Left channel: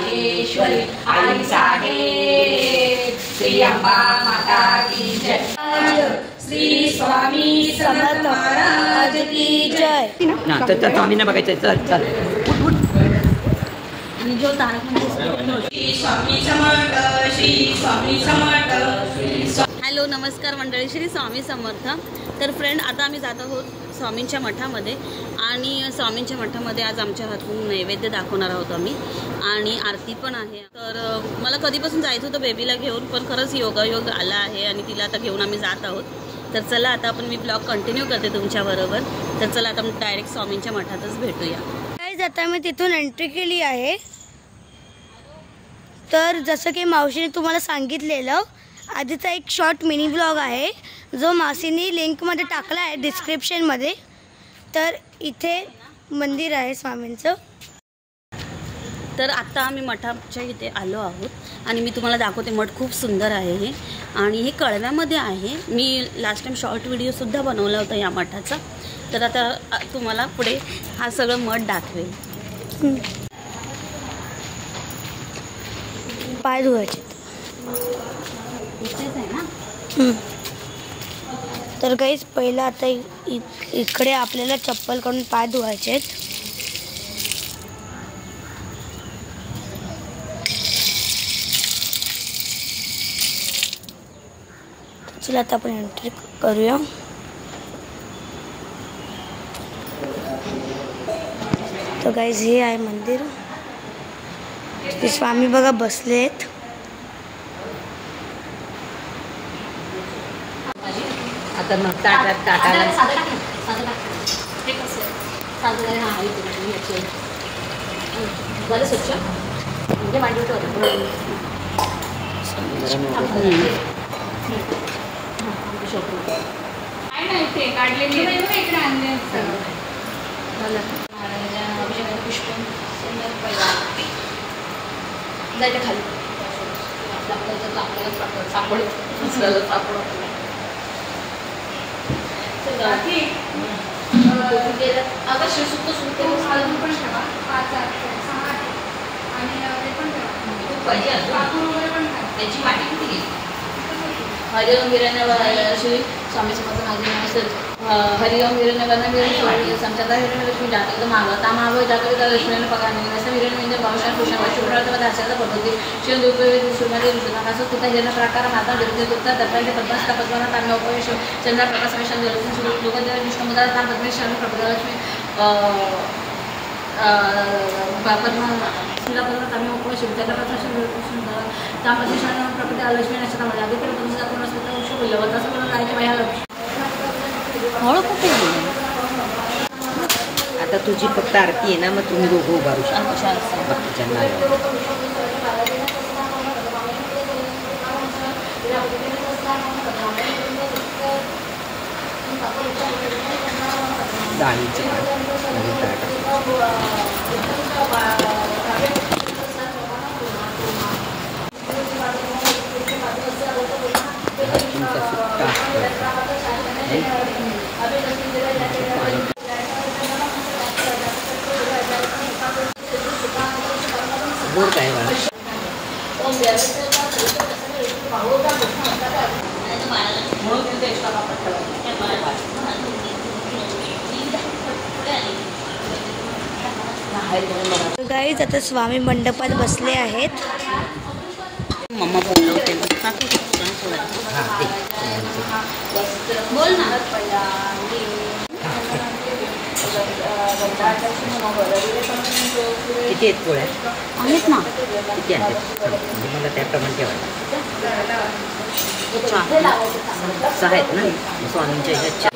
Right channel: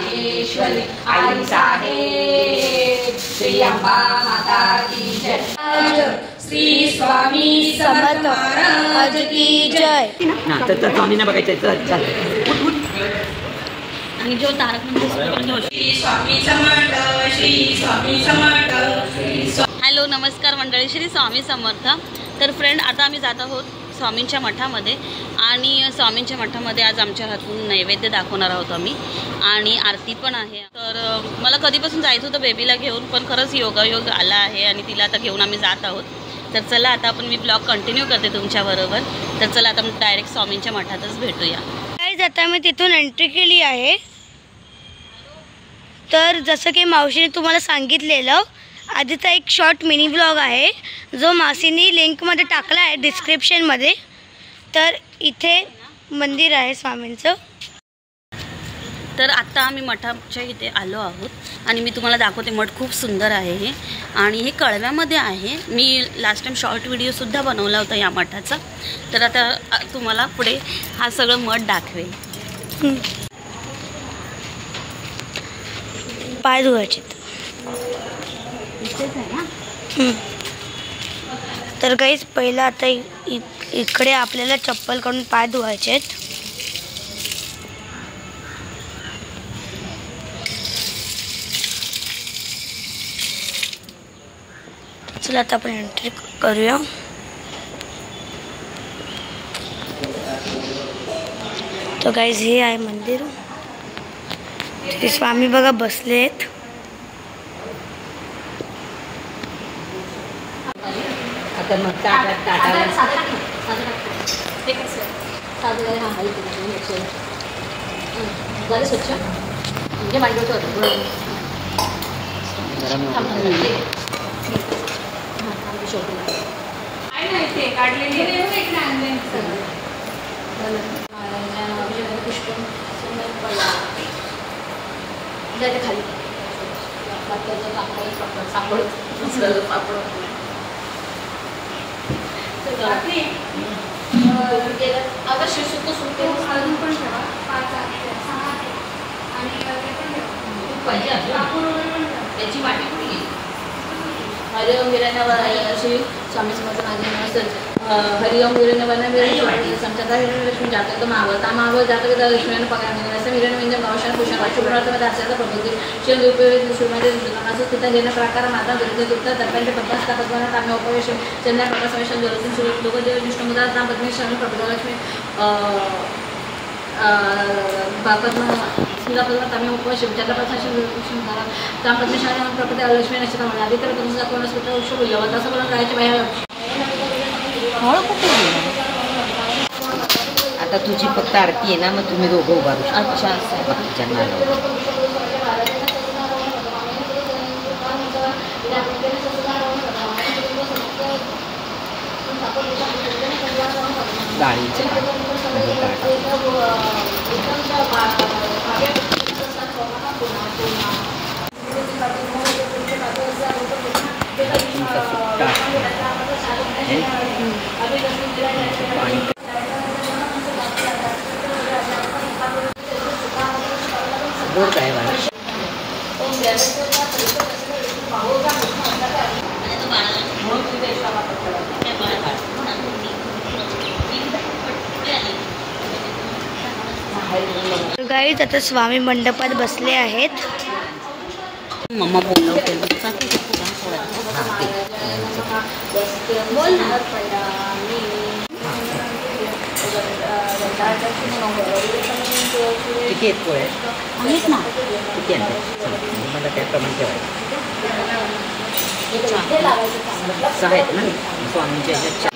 राजेश्वरी आई साहेब श्री अंबा माता की जय। श्री स्वामी समर्थ महाराज की जय। ना तर स्वामींना बघायचं चल उठ उठ। आणि जो श्री स्वामी समर्थ श्री स्वामी समर्थ। हॅलो नमस्कार मंडळी, श्री स्वामी समर्थ। तर फ्रेंड आता आम्ही जात आहोत स्वामींच्या मठामध्ये आणि स्वामींच्या मठामध्ये आज आमच्या हातून नैवेद्य दाखवणार आहोत आम्ही आणि आरती पण आहे। तर मला कधीपासून जायचं होतं बेबीला घेऊन, पण खरंच योगायोग आला आहे आणि तिला आता घेऊन आम्ही जात आहोत। तर चला आता आपण मी ब्लॉग कंटिन्यू करते तुमच्याबरोबर। तर चला आता डायरेक्ट स्वामींच्या मठातच भेटूया। गाईज आता मी तिथून एंट्री केली आहे। तर जसं की मावशीने तुम्हाला सांगितलेलं आधीचा एक शॉर्ट मिनी ब्लॉग आहे जो मावशीने लिंकमध्ये टाकला आहे डिस्क्रिप्शनमध्ये। तर इथे मंदिर आहे स्वामींचं। तर आता आम्ही मठाच्या इथे आलो आहोत आणि मी तुम्हाला दाखवते। मठ खूप सुंदर आहे हे आणि हे कळव्यामध्ये आहे। मी लास्ट टाइम शॉर्ट व्हिडिओसुद्धा बनवला होता या मठाचा। तर आता तुम्हाला पुढे हा सगळं मठ दाखवेल। पाय धुवायचे इथेच आहे ना। तर गाईज पहिला आता इकडे आपल्याला चप्पल काढून पाय धुवायचे आहेत। चला आता आपण एंट्री करूया। तो गाईज हे आहे मंदिर। ते स्वामी बघा बसले आहेत। आता मग ताटाला ते कसं साजूला हा आहे ते बरं स्वच्छ म्हणजे मांडवतो काढलेली खाली त्याची वाटी कुठे हरिओम वीरण्य श्री स्वामी समर्थ माझे नाव असेल। हरिओम वीरण्य वर्ण वीर संचाता लक्ष्मी जातक मागता माग जातक लक्ष्मी पगार म्हणजे असं वीरण म्हणजे भावशान भूषण शुभ्रार्थ आचार्य पद्धती शिवदेव सुरमध्ये असं सुद्धा हिरण प्रकार माता दुर्गुप्ता दर्पण पद्मास तपस्वाना ताम्य उपवेश चंद्र प्रकाश वैशन ज्योतिष लोकदेव विष्णुमुदा नाम पद्मेश्वरी प्रभुलक्ष्मी पद्मा स्मिता पद्मा ताम्य उपवेश चंद्र प्रकाश ताम प्रतिष्ठा प्रकृती लक्ष्मी नक्षत्र आधी तर तुमचा आपण शुभ होईल तसं म्हणून करायची बाहेर। आता तुझी फक्त आरती आहे ना, मग तुम्ही दोघं उभारू शकता। अच्छा भक्तीच्या नावावर डाळीचे बोर काय बाळा गाईज आता स्वामी मंडपात बसले आहेत। मम्मा बोलते बोल ना। किती आहेत पोळ्या आहेत ना? किती आहेत मला त्याप्रमाणे ठेवायचं। 6 आहेत ना स्वामींच्या ह्याच्या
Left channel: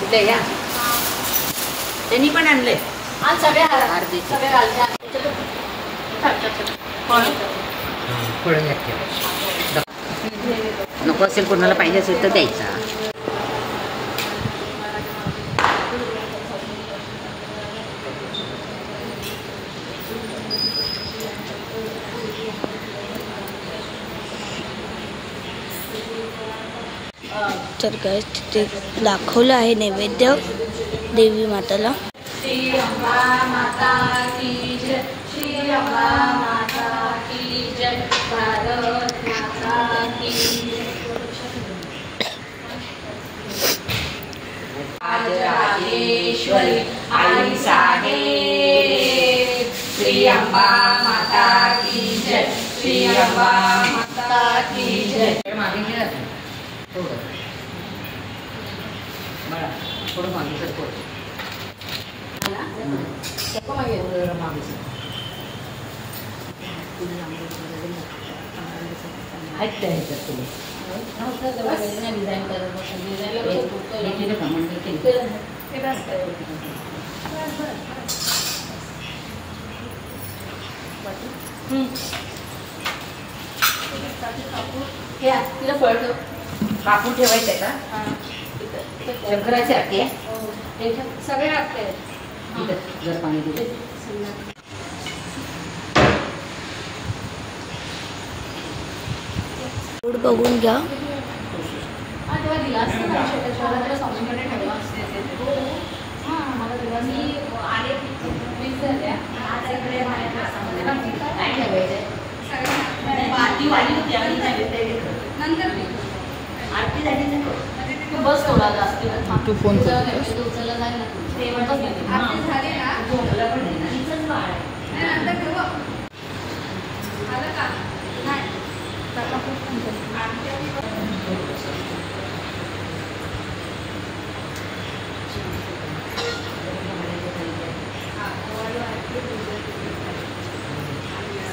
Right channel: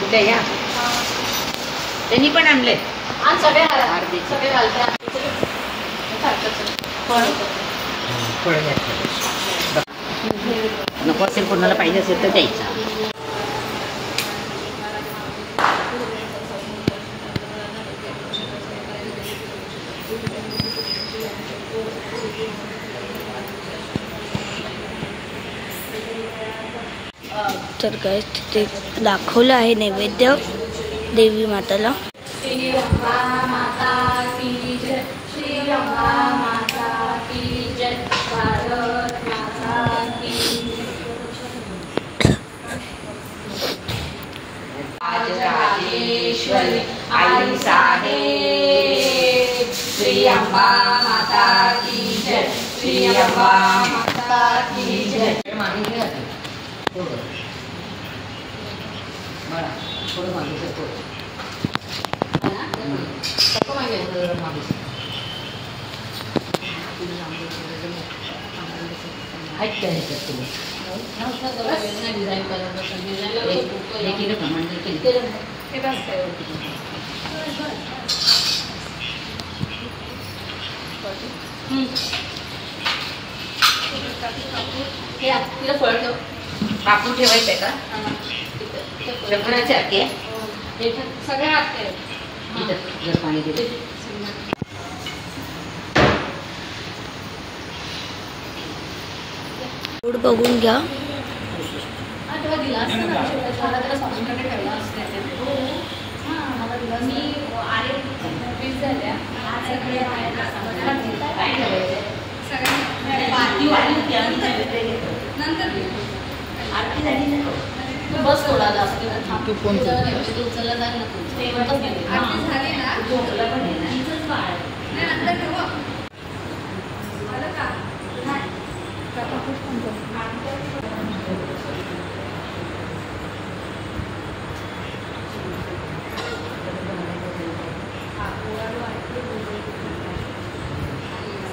कुठे घ्या त्यांनी पण आणले फळं नको असेल कोणाला पाहिजे असेल तर द्यायचा। तर गाईज तिथे दाखवलं आहे नैवेद्य देवी माताला। श्री अंबा माता की अंबा माता की जय, श्री अंबा माता की जय. मागे घे आता. थोडं बघा, थोडं मागे सर, थोडं मागे सर. आहेत त्या ह्याच्यात तुम्ही डिझाईन करत बसून डिझाईनला हे केलं का मंदिर केलं तिला फळ ठेव. कापून ठेवायचंय का शंकराचे आके सगळे आते जर पाणी दिले फूड बघून घ्या. बस थोडा जास्त तू फोन कर. उचलला जाईल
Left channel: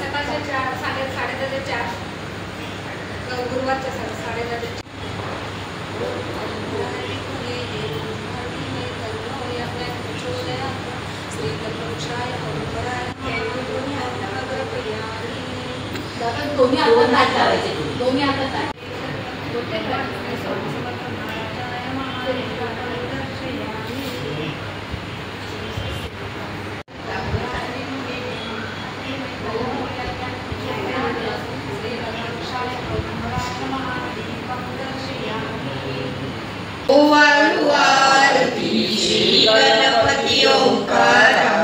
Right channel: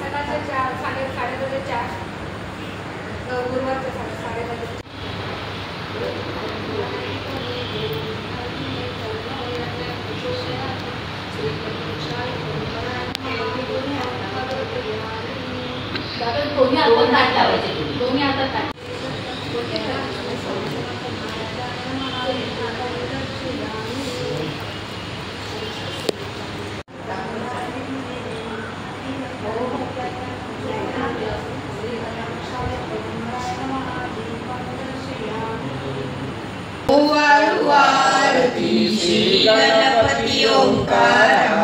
सकाळच्या 4 साडे 4 गुरुवारच्या 10:30 दोन्ही हातात ताट लावायचे. दोन्ही हातात ताट. गणपती ओंकारा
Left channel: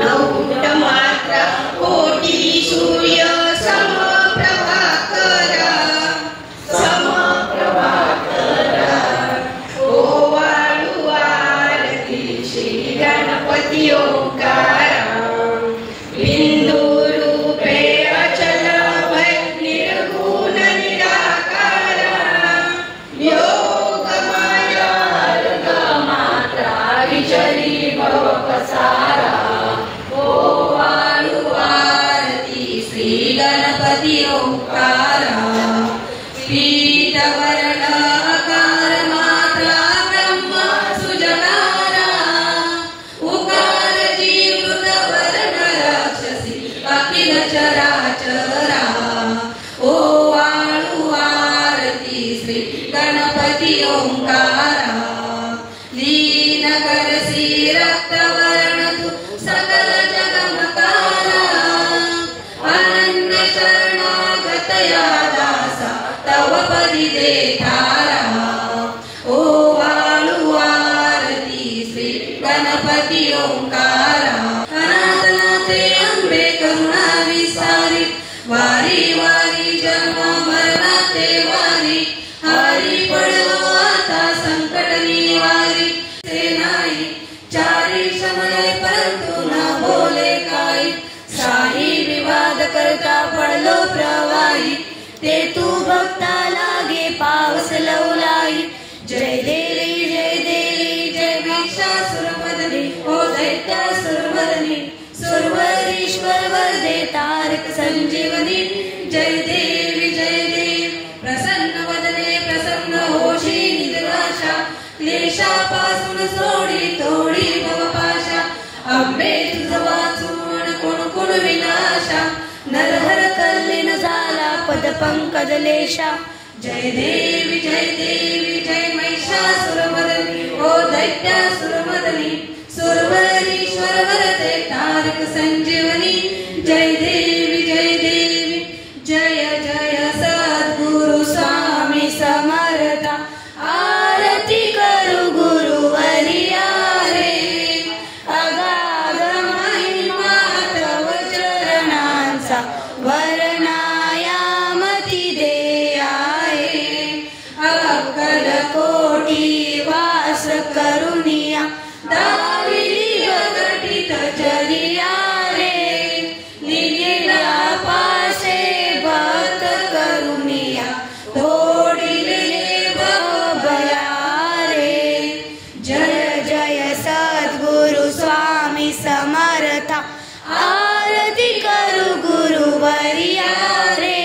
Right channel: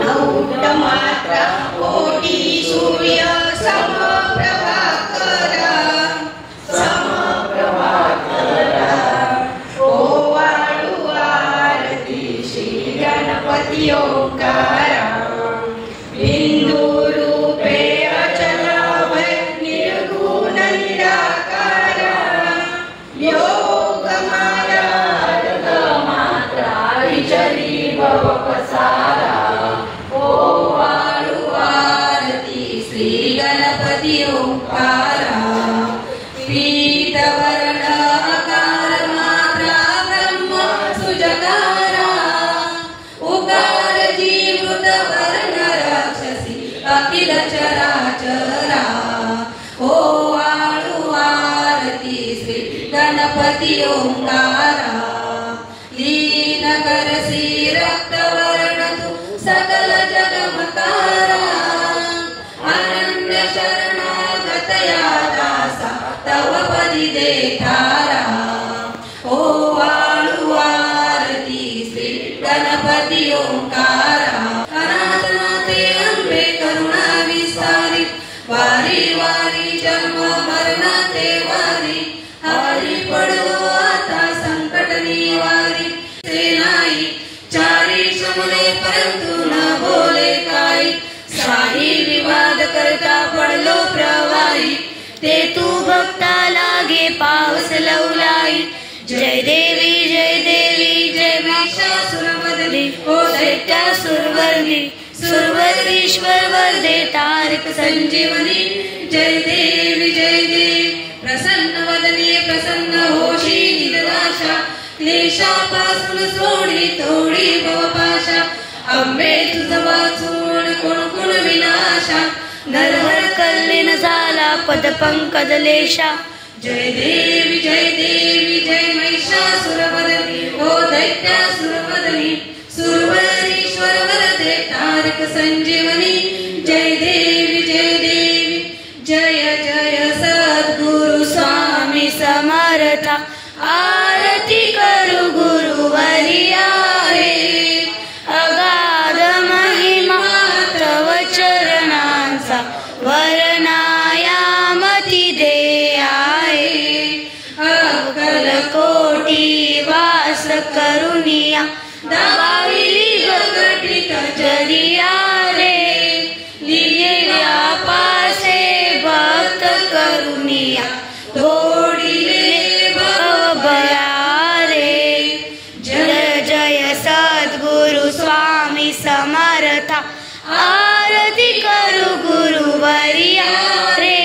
नवमात्र कोटी सूर्य समप्रभाकरा ओवाळू आरती श्री गणपती ओंकारा बिंदू रूपे अचल भय निर्गुण निराकारा योग माया विचरी भव पसारा ओवाळू आरती श्री गणपती ओंकारा पीतवर्ण आकार मात्रा ब्रह्म सुजनारा उकार जीवृत वर्ण राक्षसी अखिल चराचरा ओवाळू आरती श्री गणपती ओंकारा लीन करसी रक्तवर्ण तू सकल जगमकारा अनन्य शरणागतया दासा तव पदी देठारा ओवाळू आरती श्री गणपती ओंकारा अनाथनाथे अंबे करुणा विसारी वारी वारी जन्म मरणाचे वारी हरी पडो आता संकट निवारी सेनाई चारी शमने परंतु न बोले काही साही विवाद करता पडलो प्रवाही ते तू भक्ता लागे पावस लवलाई जय देवी जय महिषासुरवदनी ओ दैत्यासुरवर्णी सुरवरीश्वर वरदे तारक संजीवनी जय देवी प्रसन्न वदने प्रसन्न होशी निराशा क्लेशापासून सोडी तोडी भवपाशा अंबे तुझ वाचून कोण कोण विनाशा नरहर कल्लेन झाला पद पंकज लेशा जय देवी जय महिषासुरवदनी ओ दैत्यासुरवदनी सुरवरीश्वर वरदे तारक संजीवनी जय देवी जय सद्गुरु स्वामी समर्था आरती करू गुरुवरिया रे अगाध महिमा तव चरणांचा वर्णायामती दे आहे अकल कोटी वास करुनिया दाविली गगटित जरिया रे समर्था आरती करू गुरुवर्या रे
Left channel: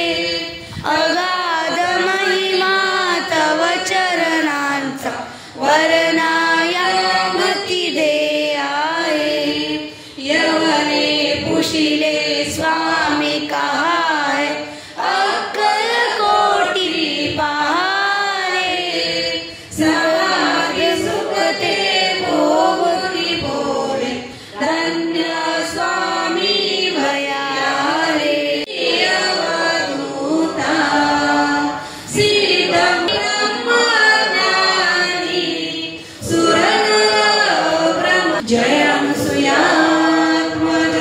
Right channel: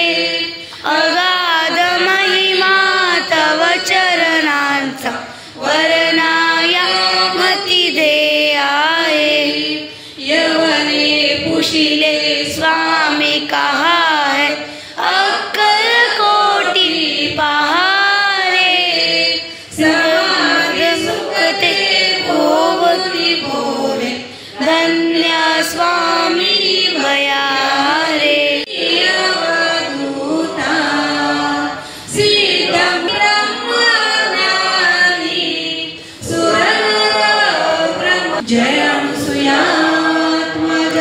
अगाध महिमा तव चरणांचा वर्णाया मती दे आहे यवने पुशिले स्वामी कहा है अक्कल कोटी पहारे मुक्ते भोवती भोवे धन्य स्वामी भया रे अवधूता सिद्ध ब्रह्मज्ञानी सुरब्रह्म जयं सुयात्मज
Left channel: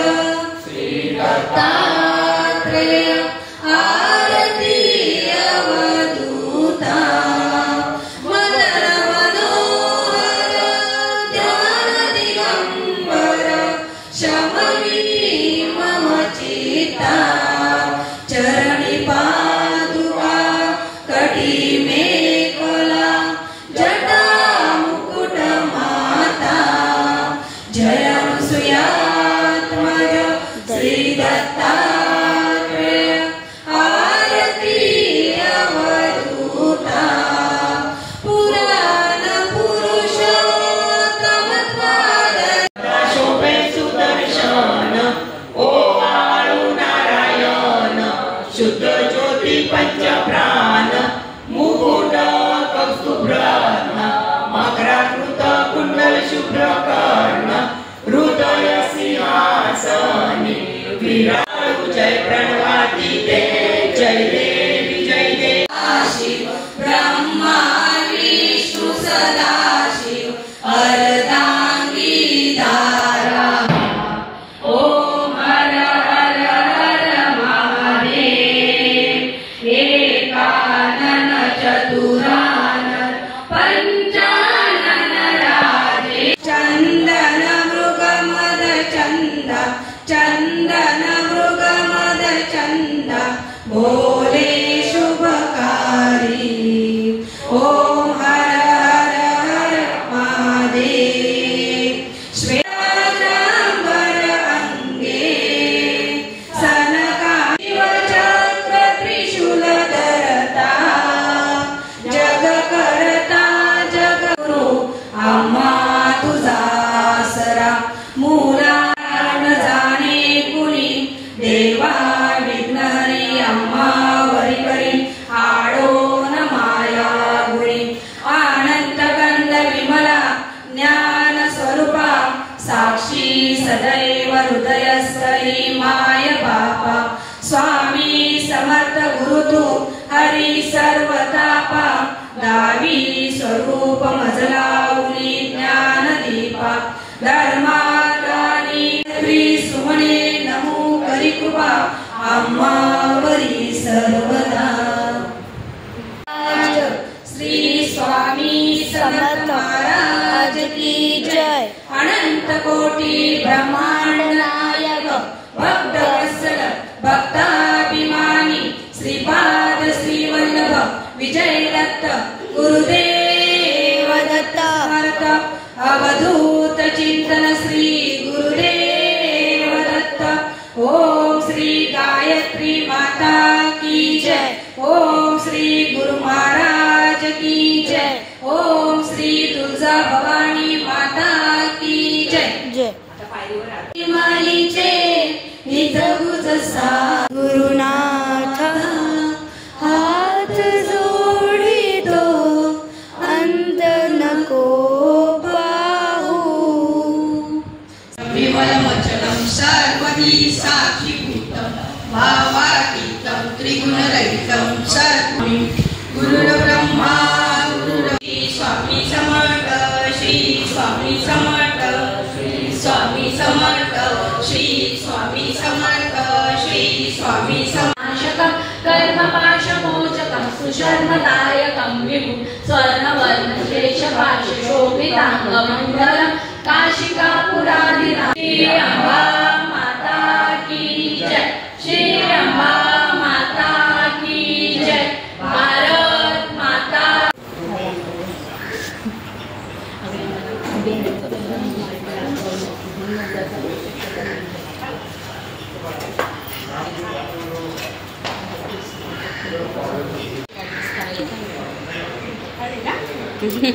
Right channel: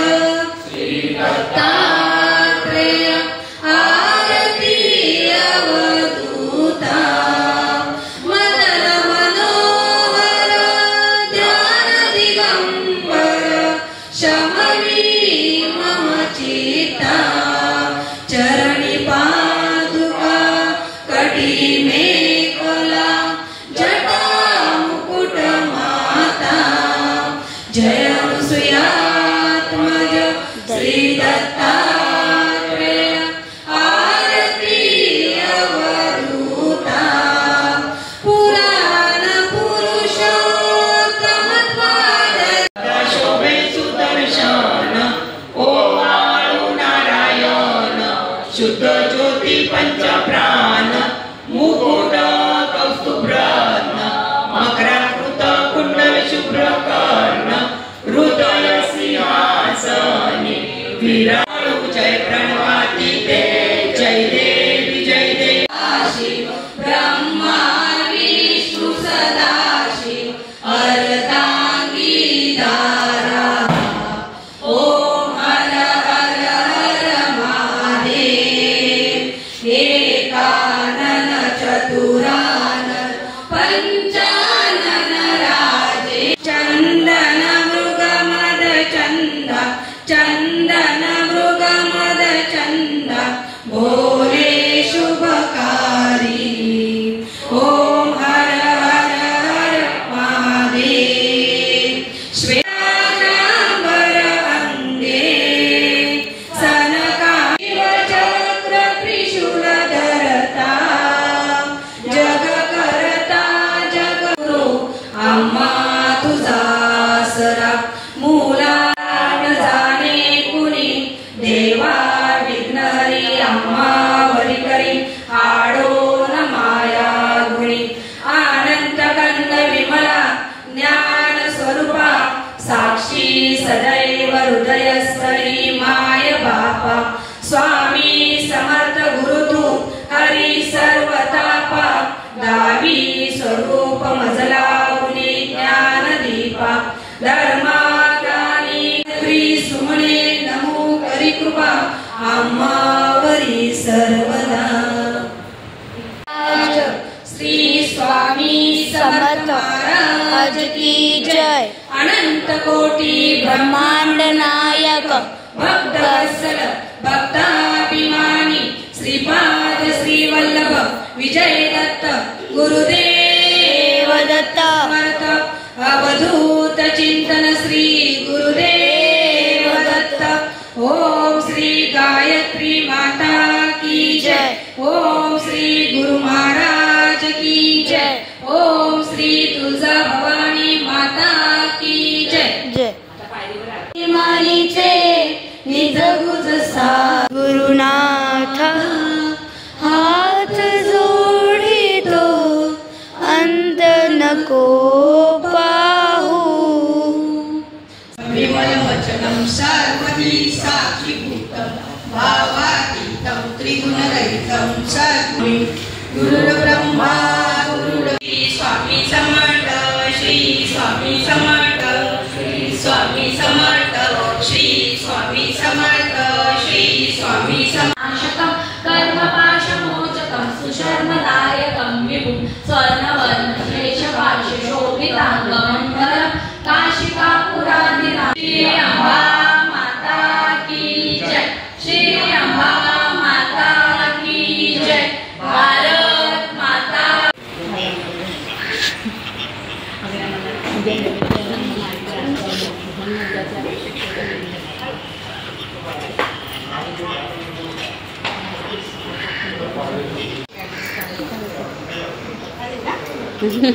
श्री दत्तात्रेय आरती अवधूता मदन मनोहर ध्यान दिगंबर शमनी मम चित्ता चरणी पादुका कटी मेखला जटा मुकुट माता जयं सुयात्मज श्री दत्तात्रेय आरती अवधूता पुराण पुरुषोत्तमत्वाद शोभे सुदर्शन ओवाळू नारायण शुद्ध ज्योती पंचप्राण मुकुट कौस्तुभ्रत्न मकराकृत कुंडल शुभ्र कर्ण हृदय सिंहासनी विराळू जय प्रणवाती ते जय देवी जय देवी शिव ब्रह्मा विष्णु सदाशिव अर्धांगी धारा ओम हर हर हर महादेव एकानन चतुरानन पंचानन राजे चंदन मृग मद चंदा चंदन मृग मद चंदा भोले शुभकारी ओम हर हर हर महादेव श्वेतांबर अंगे सनकादिव चक्र त्रिशूल धरता जग करता जग गुरु आम्हा तुझा आसरा मुला जाणे कुणी देवा विघ्नहरी आम्हा वरी करी आडो न माया गुणी अनंत गंध विमला ज्ञान स्वरूपा साक्षी सदैव हृदयस्थळी माय बापा स्वामी समर्थ गुरु तू हरी सर्वतापा गावी स्वरूप मजलावली ज्ञान दीपा धर्माग्रानी श्री सुमने नमो करी कृपा आम्हावरी सर्वदा आज श्री स्वामी समर्थ महाराज की जय अनंत कोटी ब्रह्मांड नायक भक्त वत्सल भक्ताभिमानी श्रीपाद श्री वल्लभ विजय दत्त गुरुदेव दत्त समर्थ अवधूत चिंतन श्री गुरुदेव दत्त ओम श्री गायत्री माता की जय ओम श्री गुरु महाराज की जय ओम श्री तुळजा भवानी माता की जय जय मालीचे निज गुज सा गुरुनाथ हात जोडितो अंत नको पाहू विमलवचनं सर्वधी साक्षीभूतं भावातीतं त्रिगुणरहितं सद्गुरुं गुरुर्ब्रह्मा गुरुर्विष्णु स्वामी समर्थ श्री स्वामी समर्थ श्री स्वामी समर्थ श्री स्वामी समर्थ श्री स्वामी नाशकं कर्मपाशमोचकं सुशर्मदायकं विभुं स्वर्णवर्णश्रेष्ठपाशशोभिताङ्गमण्डलं काशिकापुराधिनाथ श्री अम्बा माता की जय श्री अम्बा माता की जय भारत माता इथे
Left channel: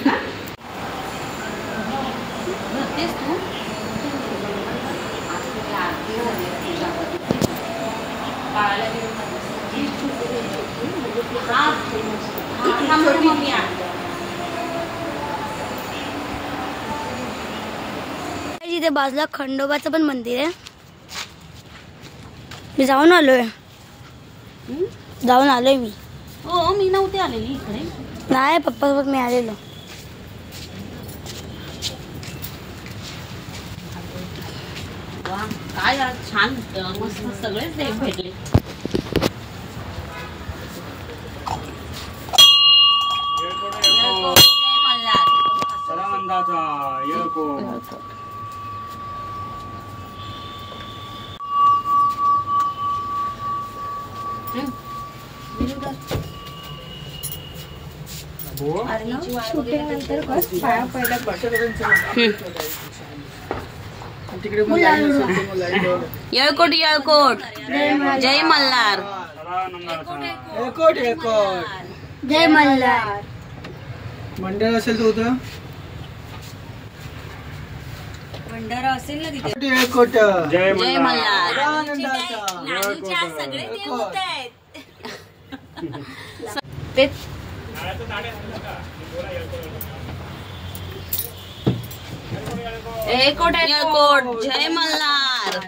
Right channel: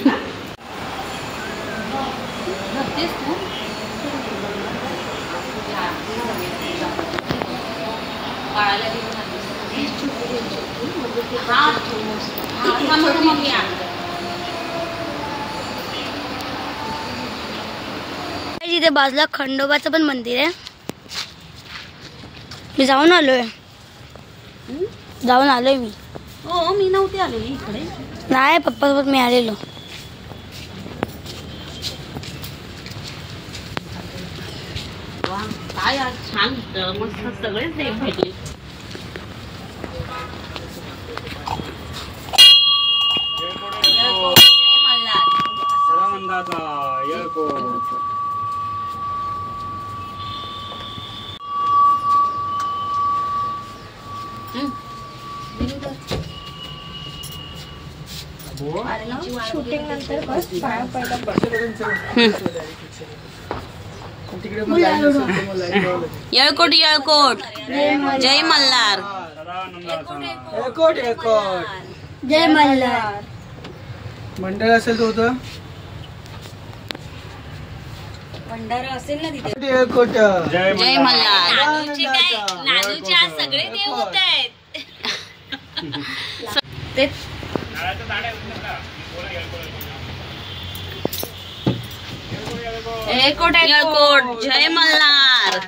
बाजूला खंडोबाचं पण मंदिर आहे. मी जाऊन आलोय मी. हो मी नव्हते आलेली इकडे. नाही पप्पासोबत मी आलेलो. वा काय आज छान मस्त सगळेच देव भेटले. जय मल्हार. शूटिंग नंतर बस पाया पहिला येळकोट येळकोट. जय मल्हार. जय मल्हार. मंडळ असेल तो होतं भंडारा असेल ना तिथे. जय जय मल्हार. नानूचे आज सगळे देव होत आहेत. येळकोट. जय मल्हार.